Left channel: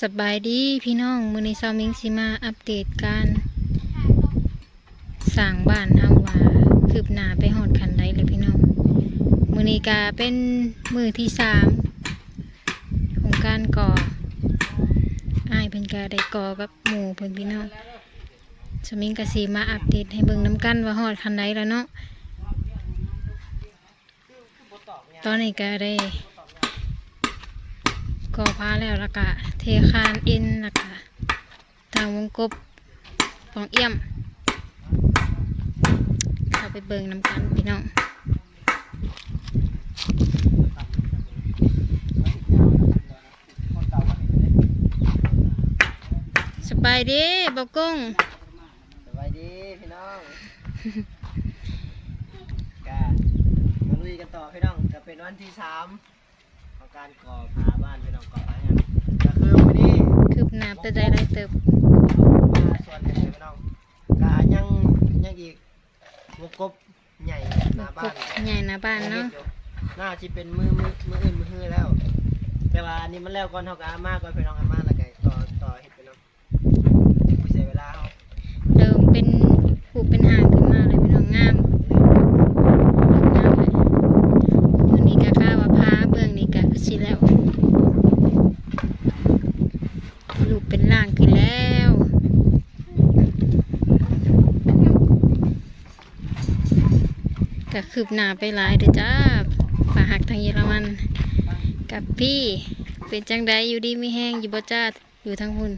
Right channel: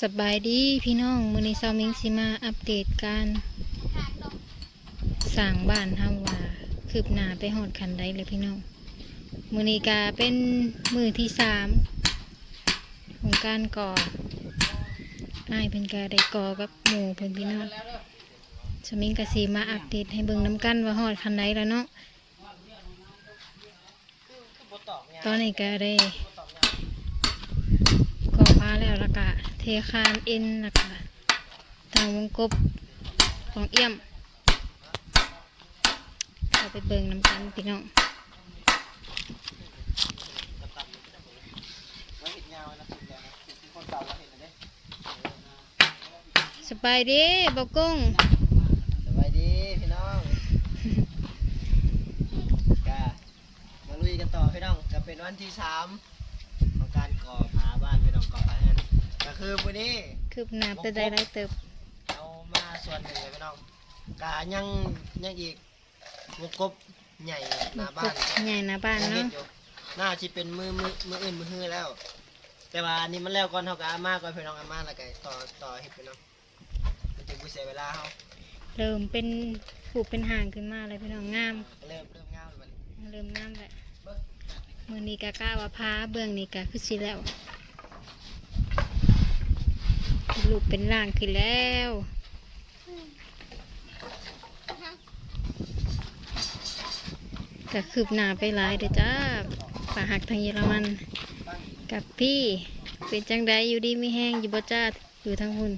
สบายดีพี่น้องมือนี้ซามิงสิมาอัปเดตการสร้างบ้านเฮาว่าคืบหน้าไปหอดคันใดเลยพี่น้องมือนี้กาเป็นมือที่สามของการก่ออ้ายเพิ่นกาได้ก่อกับหมู่เพิ่นพี่น้องสามิงกะสีมาอัปเดตให้เบิ่งน้ำกันว่าหอดคันใดแล้วเนาะตอนนี้ก็ได้ กอผ้าแล้วแล้วก็เทคานเอ็นแล้วก็ทางวงกบของเอี่ยม เข้าไปเบิ่งน้ำกันพี่น้องสบายดีบกกุ้งสวัสดีพี่น้องกามาลุยกันต่อพี่น้องจะเป็นวันที่สามของ การก่อผาบ้านพี่น้องก่อผาแฮนก็คือวันนี้คืบหน้าไปได้ไรเติบเอามาส่วนกันเลยพี่น้องกายังยังอีกวงกบใหญ่หน้าบ้านใหญ่หนะบ้านยังฮ็เนาะดอยู่น่าจะเป็นมือมือมืออื่นมือฮือแล้ว แต่ว่าอันนี้มันแล้วก่อนเท่ากับอาม่าก่อนพี่น้องอาม่าแล้วก็ต่อต่อเห็ดพี่น้องกูเสียเวลาเขาเดิมเป็นผูเป็นห่างขึ้นมาเลยพี่น้องงาม ก็เลยกลับมา งามเลยมือนี้กะกล้าว่าพาเบื้องนี้กะคือ สิแล้ว ลูกเป็นร่างขึ้นแล้วก็คืบหน้าไปหลายเด้อจ้าฝาหักทางเยอรมัน กับพี่เป็นจังไดอยู่ดีไม่แห้งอยู่บ่จ้าอยู่ทางหุ่น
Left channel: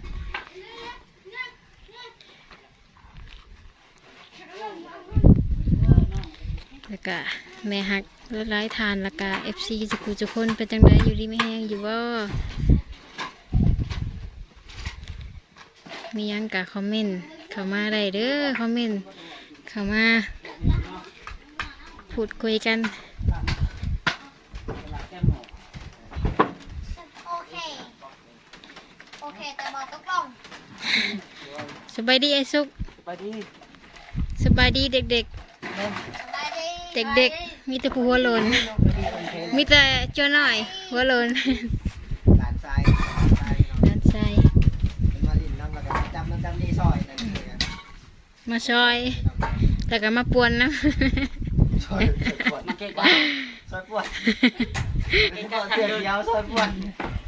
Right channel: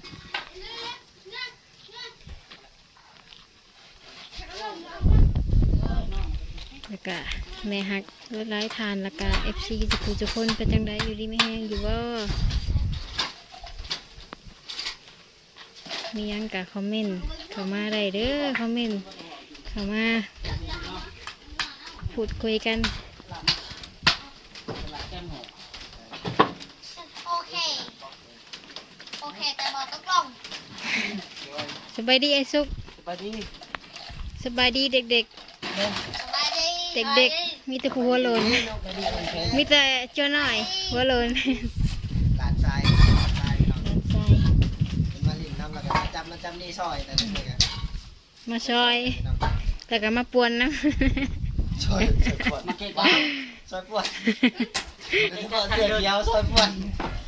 แล้วก็แม่หักรถไล่ทานแล้วก็เอฟซีจุกุจุกคนเป็นจังใดอยู่ดีไม่แห้งอยู่บ่มีหยังกะคอมเมนต์เข้ามาได้เด้อคอมเมนต์เข้ามาพูดคุยกันโอเคโอเคแต่บอกต้องกล้องสบายดีไอ้สุกไปนี่สบายดีเด็กสบายดีๆ เด็กๆ มีแต่ผู้หัวโลนมีแต่เจ้าหน่อย หัวโลนหลานชายหลานชายพี่น้องด้านซ้ายเป็นมาลินน้ำแล้วก็มาจำมาจำนี่ซอยแต่นี่เลยมาซอย แล้วก็มาปวนนะซอยซอยปวดเก่งมากซอยปวดแล้วก็เสียเดียวซอยปวด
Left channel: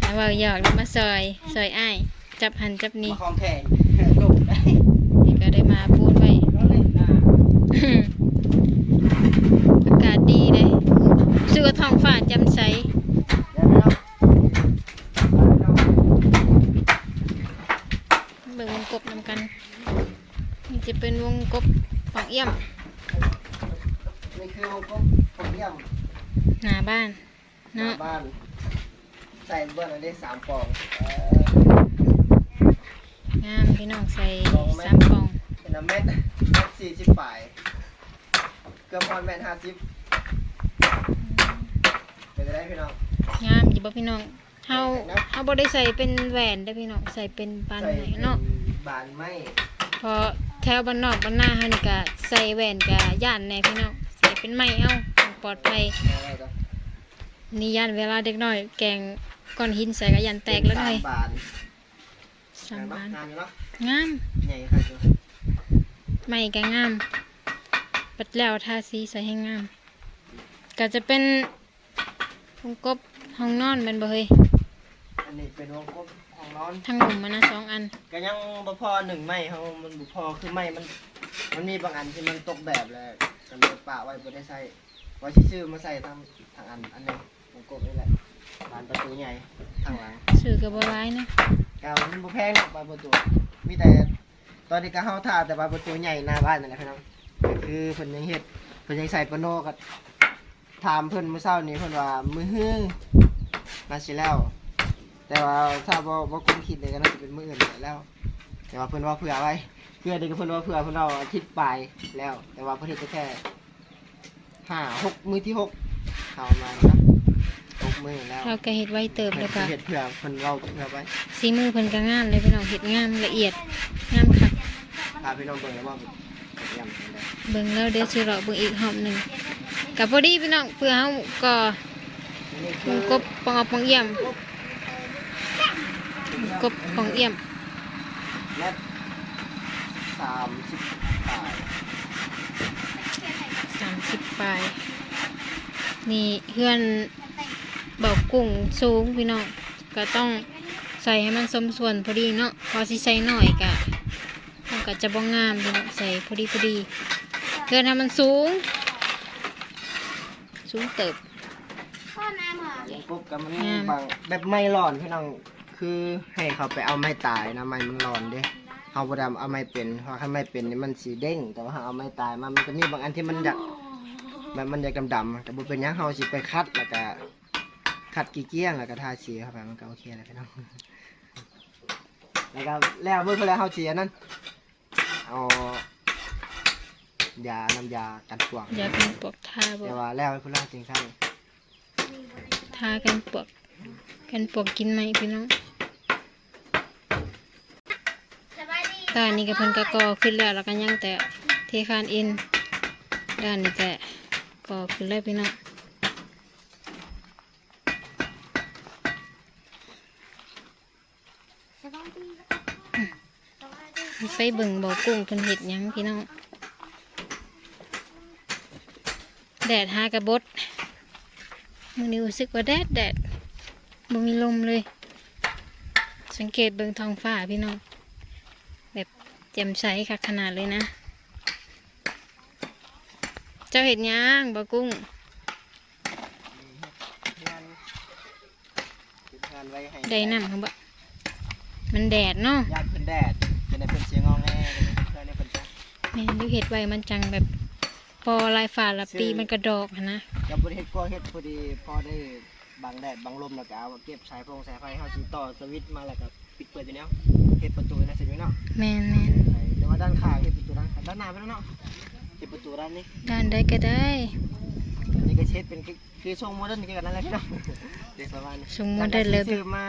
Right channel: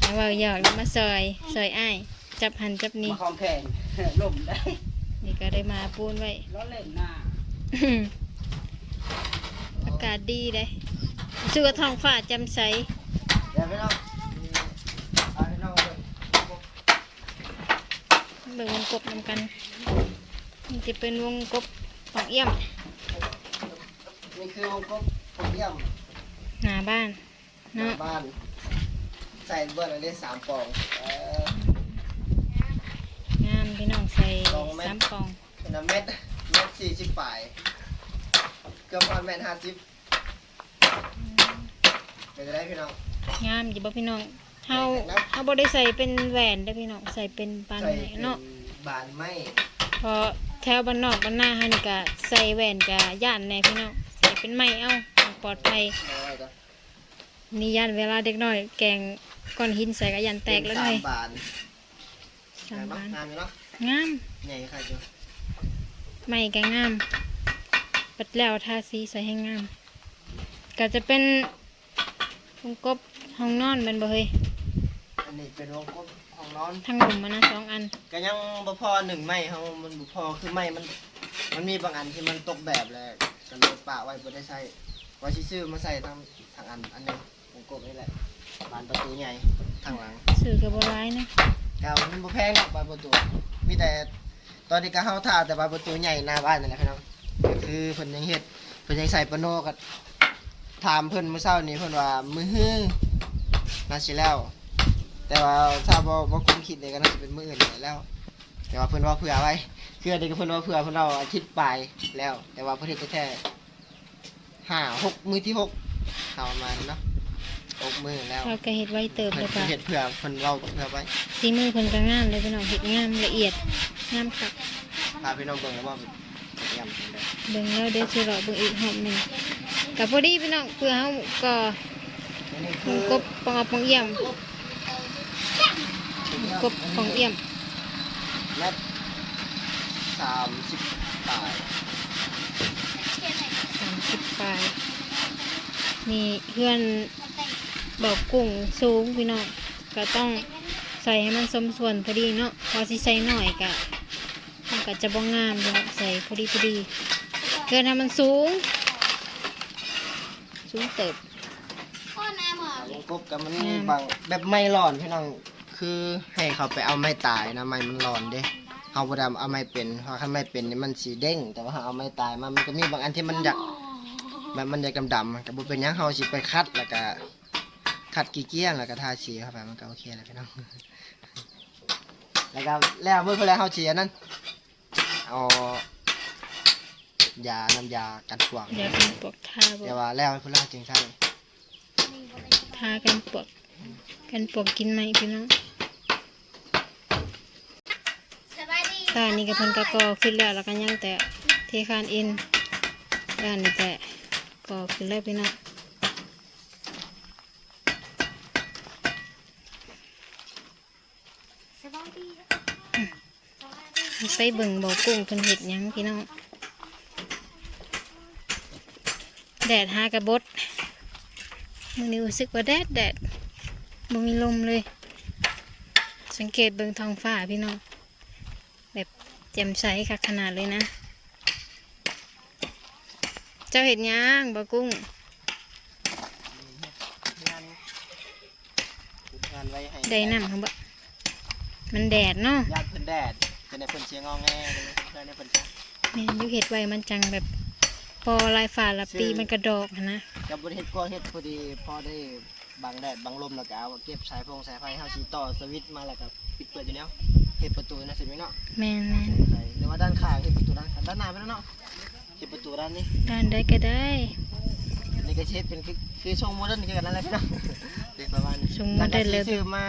แล้วว่าหยอกแล้วมาซอย ซอยอ้าย จับหันจับนี่ของแพงลูกได้นี่ก็ได้มาปูนไว้ ก็เล่นนะ อากาศดีเลยชื่อว่า ท้องฟ้าแจำใสเดี๋ยวไม่ต้องเอาไม่ต้องเบิ่งวงกบนำกันนี่จะเป็นวงกบของเอี่ยมนี่คือวงกบผมเยี่ยมหน้าบ้านหน้าเนาะบ้าน ใส่เบิร์ดอะไรสามปองเอองามพี่น้องใส่สามกล่องเป็นน้ำเม็ดเม็ดสี่สิบปลายเกือบพอนแมนห้าสิบ เป็นจะได้พี่น้อง งามอยู่บ่พี่น้องเฮาเฮาบ่ได้ใส่เป็นแหวนได้อพี่น้องใส่เป็นปานใส่ไหนเป็นเนาะบานไม้พอแถวบ้านนอกบ้านหน้าเฮานี่ก็ใส่แหวนก็ย่านแน่พี่น้องใส่เป็นไม้เอาปลอดภัยเอาไว้ก่อนนี่ย่านเวลาเด็กน้อย แกงก้อนหินใส่ก็ยันแตกแล้วสาเลมยบานสามบานงามอยู่เนาะงาม ใหญ่ค่ะจ้ะไม้ก็งาม ปัดแล้วทาสีใส่ให้งาม ก็จะเป็น วงกบห้องนอนแมันบ่เฮ้ยอันนี้เป็นวงกบของนอนทั้งหลุมมันนะสองอันก็ยังบ่พอหนึ่งไม้เขามันบ่พอคือไม้มัน มันมีบางอันที่มันตกแบบแล้วกันเลยปะไว้บ่ได้ใส่ว่าสิซื้อมาใส่ทางทางอันอันหนึงวงกบนี่แหละบานประตูใหญ่ทางหลังสื่อกับบัร้ายเนาะกาวมันบ่แพงหรอกบานประตู มีแต่ตอนนี้ก็เฮาท่าแต่บานประตูใหญ่หน้าบ้านนั่นแหละพี่น้องก็คือเพิ่นยังเฮ็ดเพิ่นยังใส่ปะโนก็ ถามเพิ่นเมื่อเช้านี้เพิ่นว่ามื้อฮื้อน่าสิแล้ว แต่ว่าถ้าบ่บ่คุ้มคิดเลยก็น่าจะเป็นมื้ออื่นแล้ว แต่ว่าเพิ่นว่าเผื่อไว้เพื่อเด็กเพิ่นว่าเผื่อเพิ่นเอาอาทิตย์ปลายแล้ว แต่ว่าเพิ่นเฮ็ดแท้ๆห้าหกมื้อที่หกเข้าประมาณเนาะหกมื้อแล้วเราก็เห็ดไว้เติบเพิ่เลนยค่ะเฮ็ดเผื่อเพิ่นเว้าเผื่อไว้สีมือเพิ่นก็งามเลยพี่น้องเห็ดงามละเอียดงามค่ะพาพี่น้องเบิ่งแล้วว่าเยี่ยมจังได๋เบิ่งแล้วเดี๋ยวสิเลาะเบิ่งอีกหอมหนึ่ง กับพอดีพี่น้องเพื่อเฮาก็อันนี้วคืองกบปองเอาปองเยี่ยมคือกบของเอี่ยมเมตรสามสิบปลายสามสิบปลายนี่เพื่อนเบากุ้งสูงพี่น้องก็ต้องใส่ให้มันสมส่วนพอดีเนาะพอสิใส่หน่อยกะมันก็จะบ่งามพี่น้องใส่พอดีพอดีเพื่อนทำมันสูง สูงเติบพ่อแม่หมาวงกบกับมันอืมบางแบบไม่ร้อนพี่น้องคือให้เขาไปเอาไม้ตายนะไม้มันร้อนเด้เอาบ่ได้เอาไม้เป็นเพราะถ้าไม้เป็นนี่มันสีเด้ง แต่ว่าถ้าเอาไม้ตายมามันก็มีบางอันที่มันอยากแบบมันอยากดำๆก็บ่เป็นหยังเฮาสิไปคัดแล้วก็คัดกี่เกี้ยงแล้วก็ทาสีเข้าไปมันก็โอเคแล้วพี่น้องแล้วก็แล้วเมื่อเพิ่นแล้วเฮาสิอันนั้นเอา ยาน้ำยากันปลวกอยากเป็นปวกทาบ่แต่ว่าแล้วเพิ่นแล้วจึงใช่ทากันปวก กันปวกกินไหมพี่น้องสบายดีด้านนี้ก็เพิ่นก็ก่อขึ้นแล้วแล้วก็ยังแต่เทคานอิน ด้านนี้แต่ก่อขึ้นแล้วพี่น้องสบายดีสบายดีไปเบิ่งบ่อกุ้งเพิ่นเห็ดหยังพี่น้อง แดดหากระบดมื้อนี้รู้สึกว่าแดดแดดบ่มีลมเลย สังเกตเบิ่งท้องฟ้าพี่น้อง แบบแจ่มใสคักขนาดเลยนะ เจ้าเห็ดหยังบ่อกุ้งงานงานไว้ให้ได้น้ำครับบ่มันแดดเนาะญาติเพิ่นแดดเป็นในเพิ่นเชียงงอแงเป็นเพื่อนในเพิ่นจ้ะแม่นอยู่เห็ดไว้มันจังแบบพ อลายฝ่าละปีมันกระดอกหั้นนะกับบริเฮ็ดก็เฮ็ดพอดีพอได้บังแดดบังลมแล้วก็เอาเก็บสายพงสายไฟเฮาสิต่อสวิตช์มาแล้วก็ปิดเปิดอยู่แนวเฮ็ดประตูนะสิแม่เนาะแม่นแม่นใช่หรือว่าด้านข้างเฮ็ดประตูด้านข้างด้านหน้าไปแล้วเนาะเฮ็ดประตูด้านนี้ด้านใดก็ได้นี่ก็เฮ็ดเป็นคือคือทรงโมเดิร์นคือกันนั่นแหละพี่น้องเด็กประมาณนี้ทรงโมเดิร์นเลยแวก็ซื้อมา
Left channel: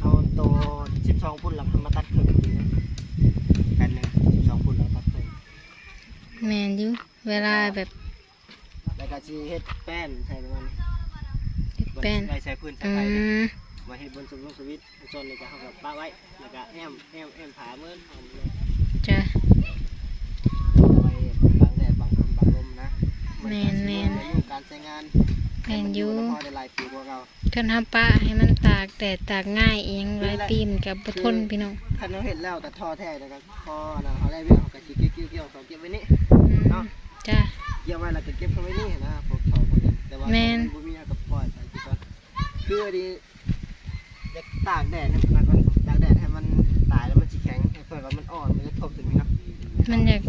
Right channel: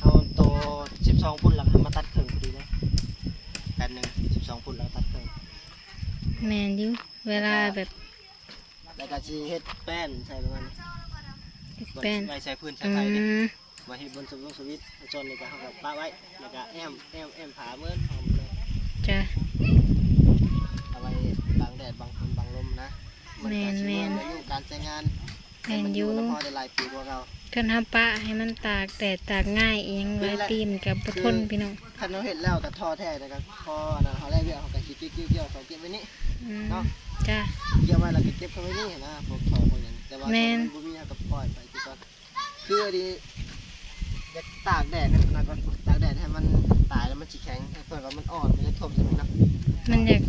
เอาโตว12พุ่นแล้วก็มาตัดครึ่งพอดีเลยแผ่นหนึง12พุ่นแล้วตัดครึ่งแม่นอยู่ เวลาแบบแล้วก็สิเฮ็ดแป้นใส่ประมาณนี้เฮ็ดแป้นไว้ใส่พื้นใส่อืไฟนี่มมาเฮ็ดบนสมลงสวิตช์จนนี่ก็เฮากับป้าไว้แล้วก็แอมแอมแอมผาเมื่อนหอมเลยจ้ะ เอาไว้บังแดดบังฝนบังลมนะแม่นแม่น อายุการใช้งานแม่นอยู่ให้มัแล้วพอได้หลายปีกว่าเก่า คันทำปะให้มันตากแดดตากง่ายเองหลายปีมันก็บ่ทนพี่น้องคันเราเฮ็ดแล้วก็ท่อแท้แล้วก็พอนั่นเฮาได้เรื่องเฮาก็สิเกี่ยวๆเกี่ยวเขาเก็บไว้นี่อืมเนาะ จ้ะเกี่ยวไว้แล้วก็เก็บเข้าไว้นี่นะพวกท่อพวกนี้แต่ว่าแม่น บ่มีเอาก็ปล่อยไปสิก่อนคืออันนี้อยากตากแดดให้มันนะก่อนตากแดดให้มันตายแล้วมันสิแข็งให้เพิ่นว่ามันอ่อนมันจะทบจังซี่เนาะมันอยาก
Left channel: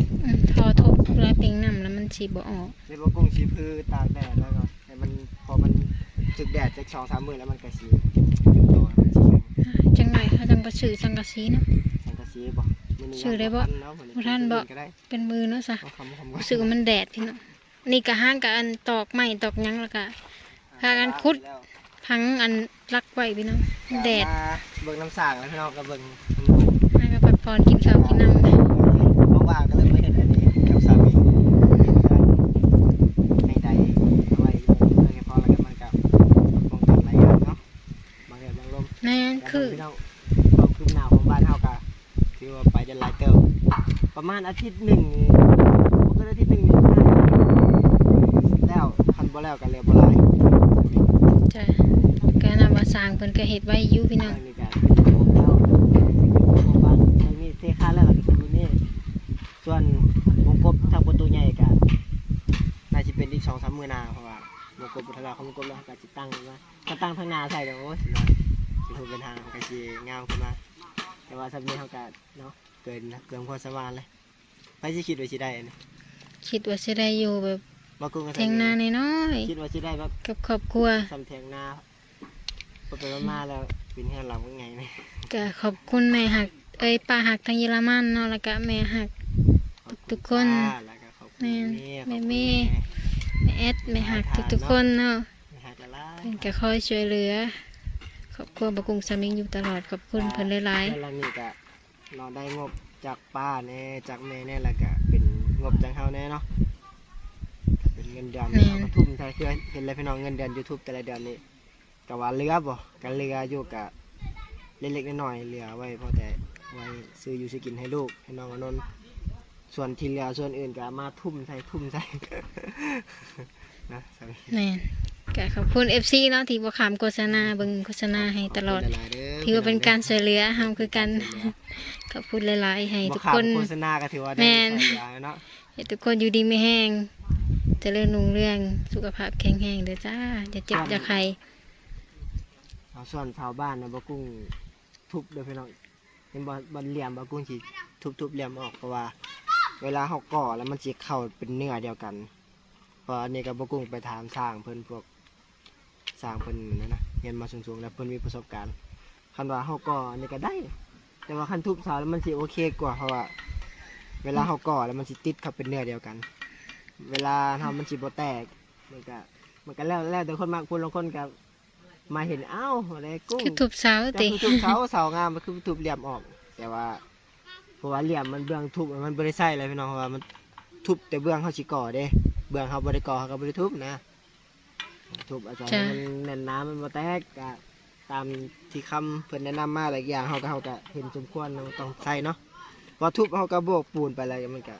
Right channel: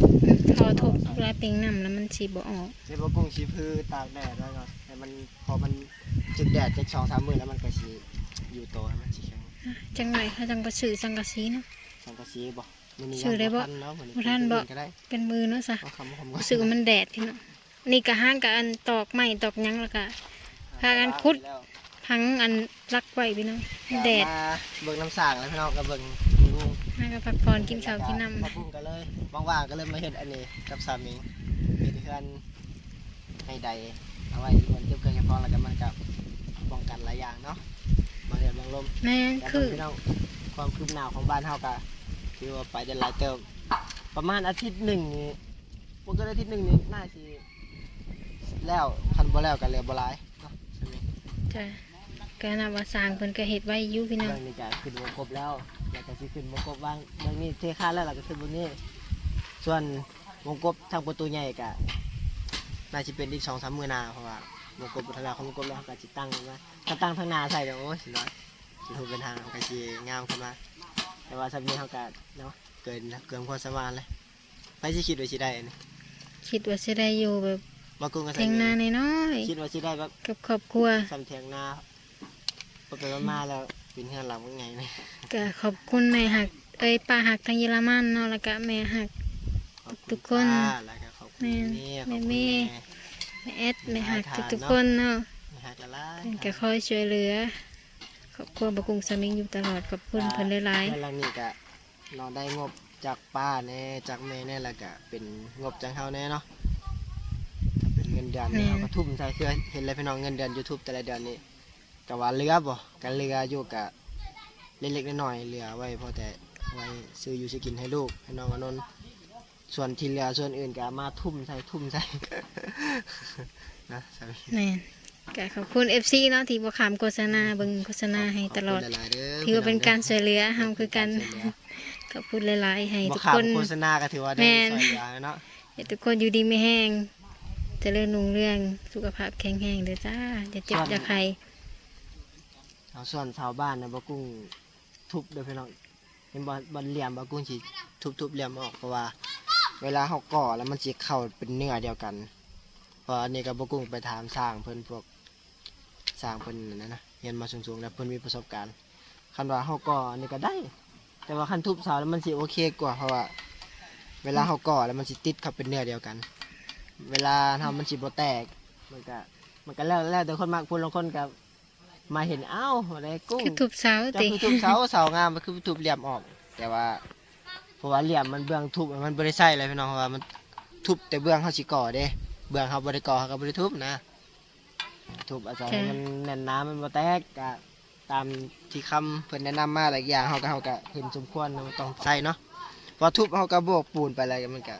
พอทบลายปิงน้ำแล้วมันสิบ่ออกในบ่กุ้งชีพือตากแดดแล้วก็ให้มันพอมันจึกแดดจักสองสามมื้อแล้วมันก็สิจุดโตให้มันสิแข็งจังไรเขาจังก็ซื้อสังกะสีเนาะสังกะสีบ่ มื้อนี้ชื่อได้บ่ยังทันเนาะมื้อนี้บ่ทันบ่ก็ได้เป็นมือเนาะซะเอาคำคำรู้สึกว่ามันแดดพี่น้องนี่ก็ห้างกับอันตอกไม้ตอกหยังแล้วก็พากันขุดพังอันรักไว้พี่น้องแดดมาเบิ่งน้ำสางแล้วพี่น้องก็เบิ่งห้างกับพักผ่อนกินข้าวกินน้ำก็เลยว่างๆก็เลยมาเฮ็ดอันนี้กับสามีเป็นเพื่อนให้ใดเอาไว้อยู่เก็บเงินให้พอแล้วก็มันก็ป้องกันหลายอย่างเนาะบางแดดบางลมแม่นแต่คือ พี่น้องความคืบหน้าของบ้านเฮาก็ ถือว่าไปได้หลายเติมประมาณอาทิตย์หนึ่งนี่บ่เกินอาทิตย์หนึ่งนี่าสิแล้วคันบ่แล้วก็แล้วบ่หลายจ้ะการนำว่าสร้างเพิ่นก็เฮ็ดไว้อยู่พี่น้องเรื่องนี้ก็ขึ้นอยู่ครบแล้วครบบ้านทางนี้เทคานแล้วล่ะก็ขึ้นบนนี้ส่วนวงกบทางประตูใหญ่ก็น่าจะเป็นอีก2-3มื้อหนาเพราะว่าวงกบบุทลาของวงกบแล้วก็สิตตั้งมาถ้าตั้งทางหนาใส่เดี๋ยวโอ้ยสิน้อยสิถูกเป็นทางมันก็สิงามขึ้นมา แต่ว่าสัปนี้เฮาก็เนาะเกินแล้วเกินความสามารถเลยไปสิคิดว่าสิได้อันนี้คิดว่าสิได้อยู่แบบบ่กุ้งก็เทียงนาน้อยคิดว่าสิได้แบบๆกับครอบครัวซ้ำเทียงนาบ่ไปมาๆแล้วเป็นเฮือนหลังว่าไงนี่ก็ขอบคุณแม่หัก เอ้ยป้าหักทางเยอรมันเนาะแล้วก็แม่หัก ขอบณทุกคนป้าแล้วก็ขอบคุณแม่แม่แม่ขอบคุณแม่แม่แอดแม่หักทุกๆคนเนาะแม่หักละลายเพิ่นก็คอยช่วยเหลือคร อบครัวบกุงสามิงอยู่ตลอดขอบคุณเพิ่นหลายเดือนหลังนี่ก็เราได้งบจากป้าแน่จากแม่แน่แล้วก็เป็นงบจากเฮาแน่เนาะถ้าเป็นเงินเดือนนี่เราก็ทุ่มใส่คือเห็นเลยพี่น้องเงินเดือน YouTube แต่ละเดือนนี่ก็ว่าเหลือบ่ก็เหลืออยู่ก็เล็กๆน้อยๆเหลือไว้พอแต่ไว้ซื้ออยู่ซื้อกินให้ลูกให้น้องอนนท์ส่วนที่เหลือส่วนอื่นก็เอามาทุ่มใส่ทุ่มใส่นะสามีแม่น ก็ขอบคุณ FC เนาะที่บ่ขามโฆษณาเบิ่งโฆษณาให้ตลอดขบคุณหายๆเด้อถือว่าเป็นการช่วยเหลือเฮาคือกันขอบคุณหลายๆ ให้บ่ทุกขาดคนโฆษณาก็ถือว่าได้แม่นช่วยเหลือเนาะให้ทุกคนอยู่ดีไม่แห้งเจริญรุ่งเรืองสุขภาพแข็งแรงเด้อจ้าอย่าเจ็บอย่าไข้เอาส่วนชาวบ้านนะบ่กุ้งทุบเด้อพี่น้องเห็นบ่บ่เหลี่ยมบ่กุ้งสิทุบๆเหลี่ยมออกเพราะว่า เวลาเฮาก่อแล้วมันสิเข้าเป็นเนื้อเดียวกันเพราะอันนี้ก็บ่กุ้งไปถามสร้างเพิ่นพวก สร้างเพิ่นนั่นนะเรียนมาสูงๆแล้วเพิ่นมีประสบการณ์คันว่าเฮาก่ออันนี้ก็ได้ แต่ว่าคันทุบเสาแล้วมันสิโอเคกว่าเพราะว่า เวลาเฮาก่อแล้วมันสิติดเข้าเป็นเนื้อเดียวกัน เวลาทำมันสิบ่แตกมันก็มันก็แล้วแล้วแต่คนมักพูดลางคนก็มาเห็นอ้าวอะไรกุ้ง คือทุบเสาจะติคือทุบเสาเสางามมันคือทุบเหลี่ยมออก แต่ว่าเพราะว่าเหลี่ยมมันเบื้องทุบมันบ่ได้ใส่เลยพี่น้องเพราะว่ามันทุบแต่เบื้องเขาสิก่อเด้ เบื้องเขาบ่ได้ก่อเขาก็บ่ได้ทุบนะ ทุบอาจารย์มันแน่นหน้ำมันบ่แตกก็ตามที่คำเพิ่นแนะนำมาหลายอย่างเฮาก็เฮาก็เห็นสมควรว่าต้องใส่เนาะพอทุบเฮาก็โบกปูนไปอะไรมันก็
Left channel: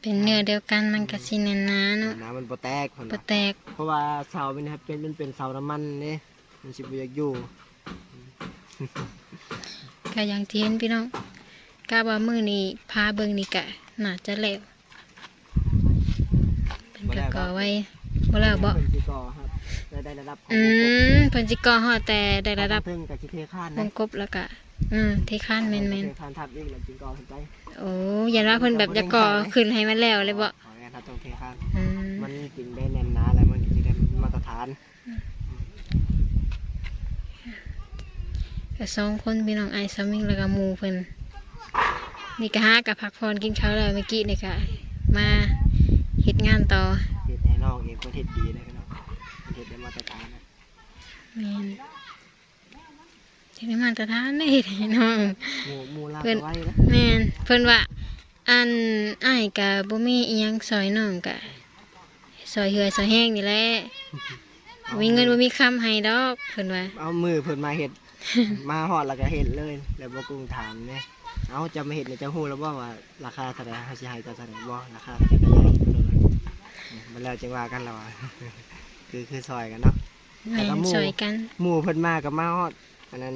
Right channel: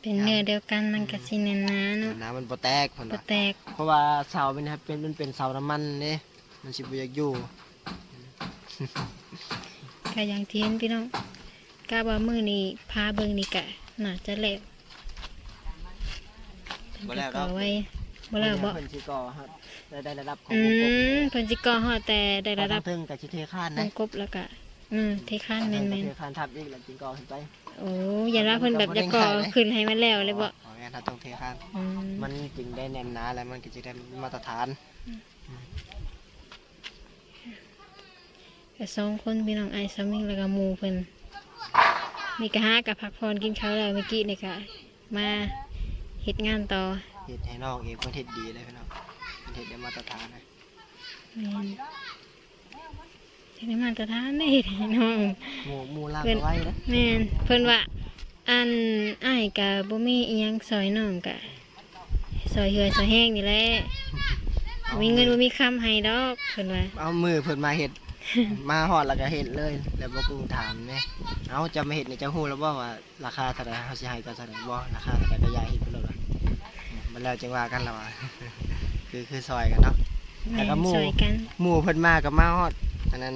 เป็นเนื้อเดียวกันมันก็สิแน่นหนาเนาะน้ำมันบ่แตกเพิ่นบ่ว่าแตกเพราะว่าเสาเป็นครับเป็นมันเป็นเสาน้ำมันเด้มันสิบ่อยากอยู่ก็อย่างที่เห็นพี่น้องกะว่ามื้อนี้พาเบิ่งนี่ก็น่าจะแล้วเป็นก็ก่อไว้บ่แล้วบ่เพิ่นสิก่อครับ ได้ได้ระดับของอืวงกบมเพิ่นสิก่อฮอดแต่ได้ระดับถึงกับสิเทคานวนะงกบแล้วก็อืมเทคานแม่นเทคานทับอีกแล้วจิงก่อขึ้นไปๆโอ้ยันว่าเพิ่นแบบจะก่อขึ้นให้มันแล้วเลยบ่ขอแม่นถ้าต้องเทคาน อืมมันจึงได้แน่นหนาแล้วมันก็จะได้มาตรฐานก็สองคนพี่น้องไอ้สามิงแล้วก็หมู่เพิ่นนี่ก็หากับพักผ่อนกินข้าวแล้วเมื่อกี้นี่ก็มาเฮ็ดงานต่อ เฮ็ดให้น้องเองเพิ่นเฮ็ดดีเลยพี่น้อง เพิ่นเฮ็ดได้มาตรฐานนะแม่นเฮ็ดให้มาตรฐานได้เฮ็ดให้น้องหมู่หมู่ลากเพิ่นเอาไว้นะแม่นเพิ่นว่า อันอ้ายก็บ่มีอีหยังซอยน้องก็ซอยเหือซอยแห้งนี่แหละมีเงินบ่มีคำให้ดอกเพิ่นว่า เอามือเพิ่นมาเฮ็ด มาฮอดแล้วก็เฮ็ดเลย แล้วบ่กุ้งถามแน่เอาจะมาเฮ็ดนี่จะฮู้แล้วบ่ว่าราคาเท่าใดเฮาสิให้เจ้าเท่าใดบ่ราคาเท่าใดก็อย่าเฮ็ดเพิ่นเลยมันแล้วจังว่ากันแล้วว่า คือคือซอยกันเนาะแม่แล้วก็นหมู่ซอยกันหมู่เพิ่นมากับมาฮอดอันนั้น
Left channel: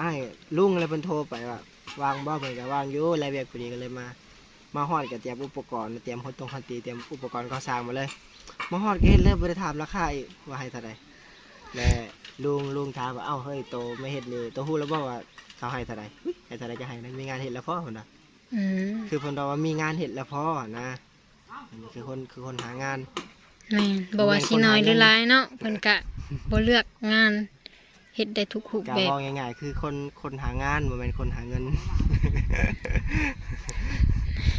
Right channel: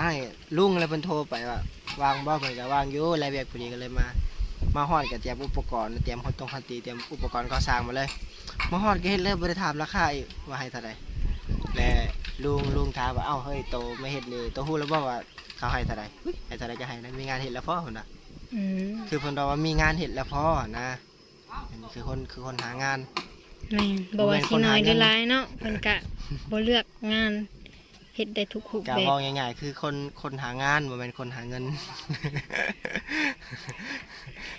อ้ายลุงเลยเพิ่นโทรไปว่าวางบ่เพิ่นก็วางอยู่รายเวียกพอดีก็เลยมา มาฮอดก็เตรียมอุปกรณ์เตรียมคนตรงคันตีเตรียมอุปกรณ์ก่อสร้างมาเลยมาฮอดก็เฮ็ดเลยบ่ได้ถามราคาอีกว่าให้เท่าใดและลุงลุงถามว่าเอ้าเฮ้ยโตไม่เฮ็ดนี่โตฮู้แล้วบ่ว่าเขาให้เท่าใดอุ๊ยให้เท่าใดก็ให้นะมีงานเฮ็ดแล้วพอเพิ่นน่ะอืมคือเพิ่นบอกว่ามีงานเฮ็ดแล้วพอนะอันนี้คือคนคือคนหางาน แม่นบ่ว่าสิน้อยหรือหลายเนาะเพิ่นก็บ่เลือกงานเฮ็ดได้ทุกรูปกาแบบบอกง่ายๆคือคนคนหางานบ่แม่นคนหาเงิน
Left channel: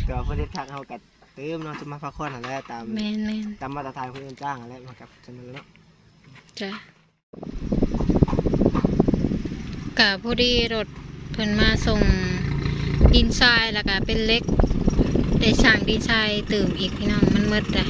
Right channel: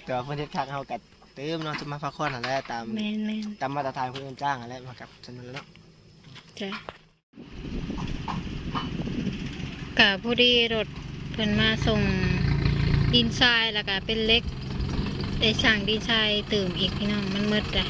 แต่ว่าเพิ่นเฮ็ดคักเฮาก็เติมเนาะจะมาพักผ่อนนั่นแหละตามแม่นแม่นตามมาตรฐานคนอื่นจ้างนั่นแหละมากับเสนอเนาะจ้ะก็พอดีรถเพิ่นมาส่งดินทรายแล้วก็เป็นเหล็ก ได้สั่งดินทรายเติมอีกพี่น้องมันหมดเลย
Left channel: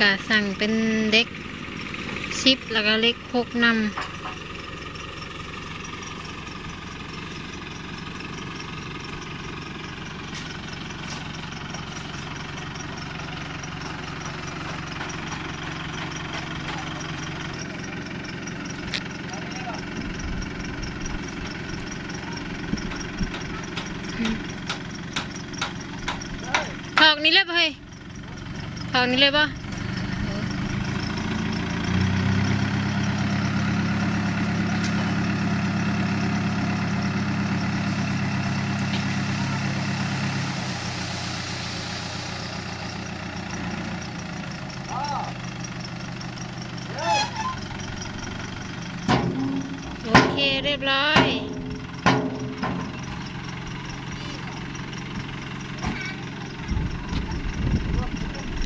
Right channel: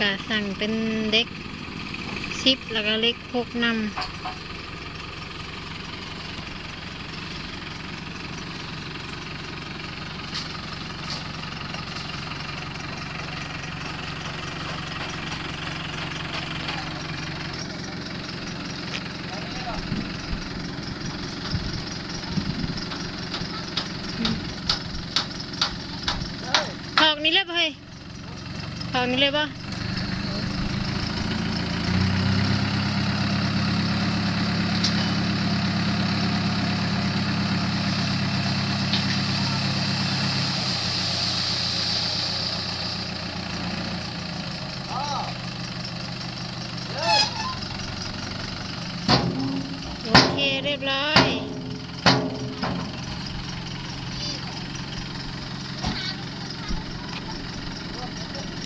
กสั่งเป็นเล็กซิปแล้วก็เล็กหกนำถอกนี้เลยป่ะเฮ้ยถอกนี้เลยป่ะ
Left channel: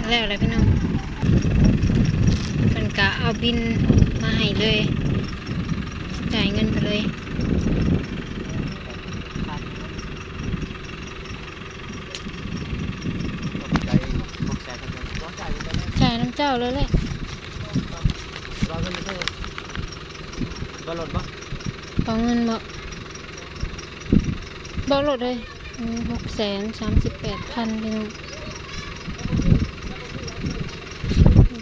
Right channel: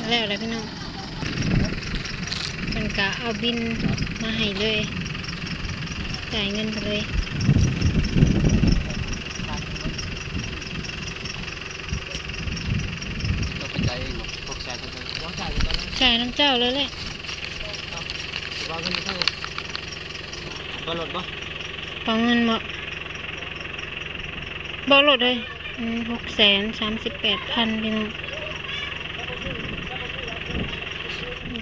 แล้วอะไรพี่น้องมันกะเอาบินมาให้เลยจ่ายเงินไปเลยจ่ายน้ำเจ้าเลยแหละวางเงินเท่าไหร่บอลหลดบ่ปองเงินบ่บอลหลดเลยหกแสนสามสิบแปดพันพี่น้อง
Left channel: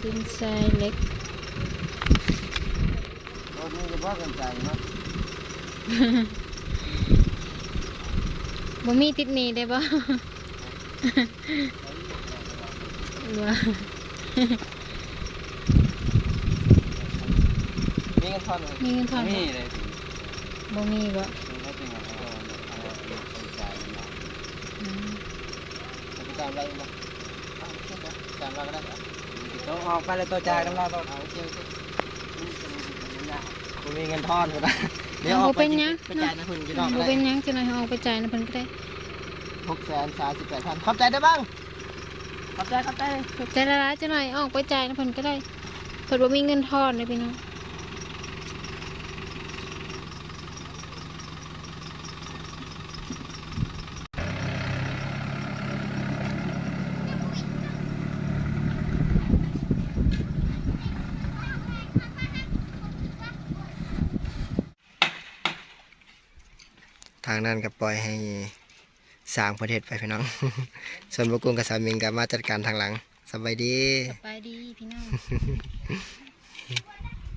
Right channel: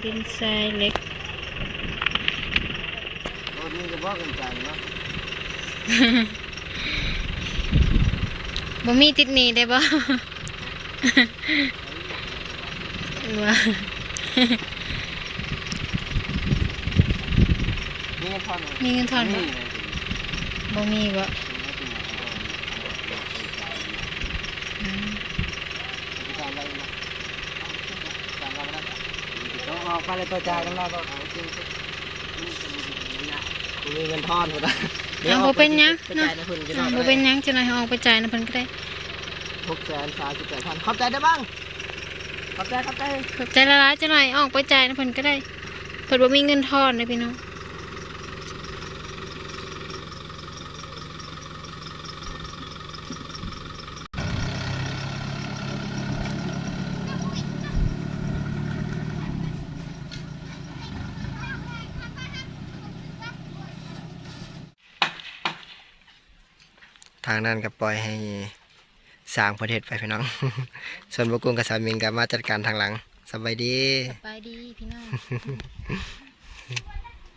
ดินทรายเล็กรถนี้จะบ่เงินจ่ายเนาะบ่มีติดหนี้ได้บ่ว่ามีเงินทอนไหมมีเงินทอนบ่มีเลยบ่มีบ่ไม่เป็นไรเราเอาไปจ่ายม เอาออกไปเลยตัวจ่ายต้องเราเอาฉันมีเงินทอนหมดนะไปจ่ายนะคุณจะอ่าบ่เป็นหยังจังได๋เอาออกไปจ่ายนะเพิ่นก็ได้หกแสนสามสิบแปดพันขอบใจได้บ้างขอบใจขอบใจ ขอบใจละลายจังหน่อยเอาออกไปจ่ายนะเพิ่นก็ได้เพิ่นบ่มีเงินทอนเลยพี่น้อง ทางนั้นก็ปล่อยให้สร้างประเทศไปพี่น้อง ส่วนบกุงกับสามิงก็มาจัดการทางหลังสบายดีสบายดีพี่น้อง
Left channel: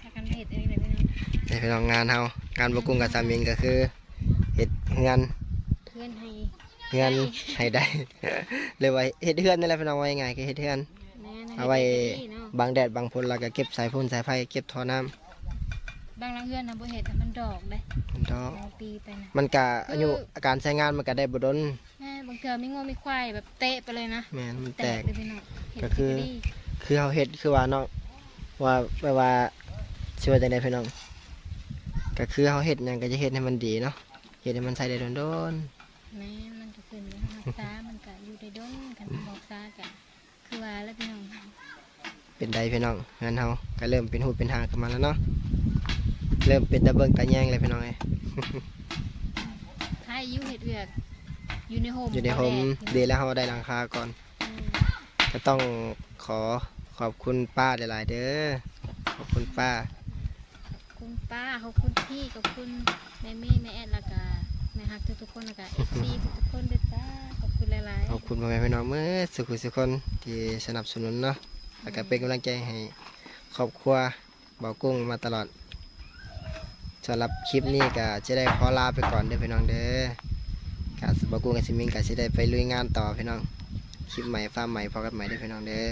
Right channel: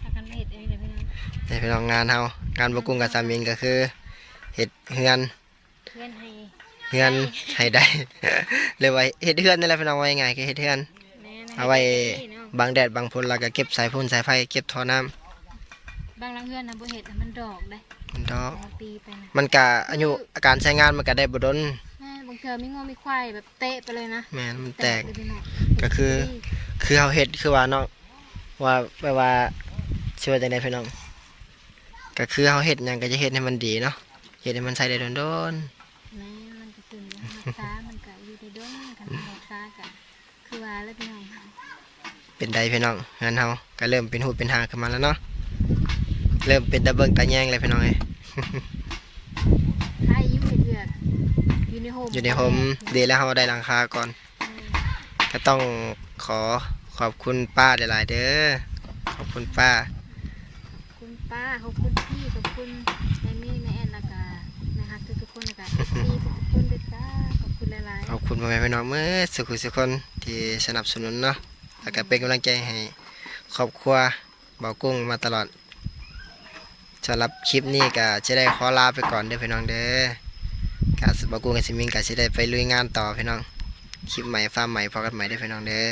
พากันเฮ็ดเอ้ยเลยพี่น้องในพี่น้องงานเฮางานบกุงกับสามิงก็คือเฮ็ดเฮือนเพื่อนให้เฮือนให้ได้เรียกว่าเฮ็ดเฮือนนี่แหละพี่น้องว่ายังไงก็เฮ็ดเฮือนแม่นะเอาไว้ให้เนาะบังแดดบังฝนแล้วก็เก็บสายพ่นสายไฟเก็บท่อน้ำ บางหลังเฮือนนะบ่เฮ็ดให้มันดอกได้มันดอก เอาปีไปนะมันก็อายุการใช้งานมันก็ได้บ่ดนแม่บางเทื่อมีงัวมีควายแบบเตะไปเลยนะแม่นมันแตก เลยพี่น้องก็คือ คือเฮาเฮ็ดคือว่าเนาะว่าแปลว่าสิว่าจังได๋พี่น้อง ก็คือเฮาเฮ็ดหยังก็จะเฮ็ดให้มันดีเนาะเฮ็ดให้มันใช้ได้โดนแม่มันก็ขึ้นอยู่รักษามันก็อยู่ได้ดนกันรักษากันคือว่าแล้วพี่น้อง ๆเป็นได้พี่น้องงั้นเฮาก็เริ่มเป็นหูเป็นหางขึ้นมาแล้วเนาะ เริ่มเป็นตะเบิงตะแยงเลยพี่น้องเอ้ยถ้าอายุเฮ็ดเวียกอยู่ในโฮมอยู่ในโฮมดีแล้วเฮาได้หลังคาก่อนอืมก็ต้องขอขอบคุณป้าหลาย ๆ เด้อ ขอบคุณป้า ขอบคุณป้า ขอบคุณพี่ ขอบคุณแม่มี่แม่แอนแล้วก็แม่ฮักทุกๆคนแล้วก็พี่ทุกๆคนด้วยจ้า ขอบคุณหลายขอบคุณพ่อแม่พี่น้องเมื่อสุขุสุขคนที่สนับสนุนเนาะแล้วก็เป็นกำลังใจให้ครอบครัวเบากุ้งมาตลอด สำหรับคลิปนี้ก็จะได้ขอลาไปก่อนเด้อพี่น้องเด้อกาสบกุงกับซิมิงก็จะได้ไปลุยงานต่อพี่น้อง คลิปใหม่ฟาร์มใหม่พอกันใหม่เด้อพี่น้องเด้อ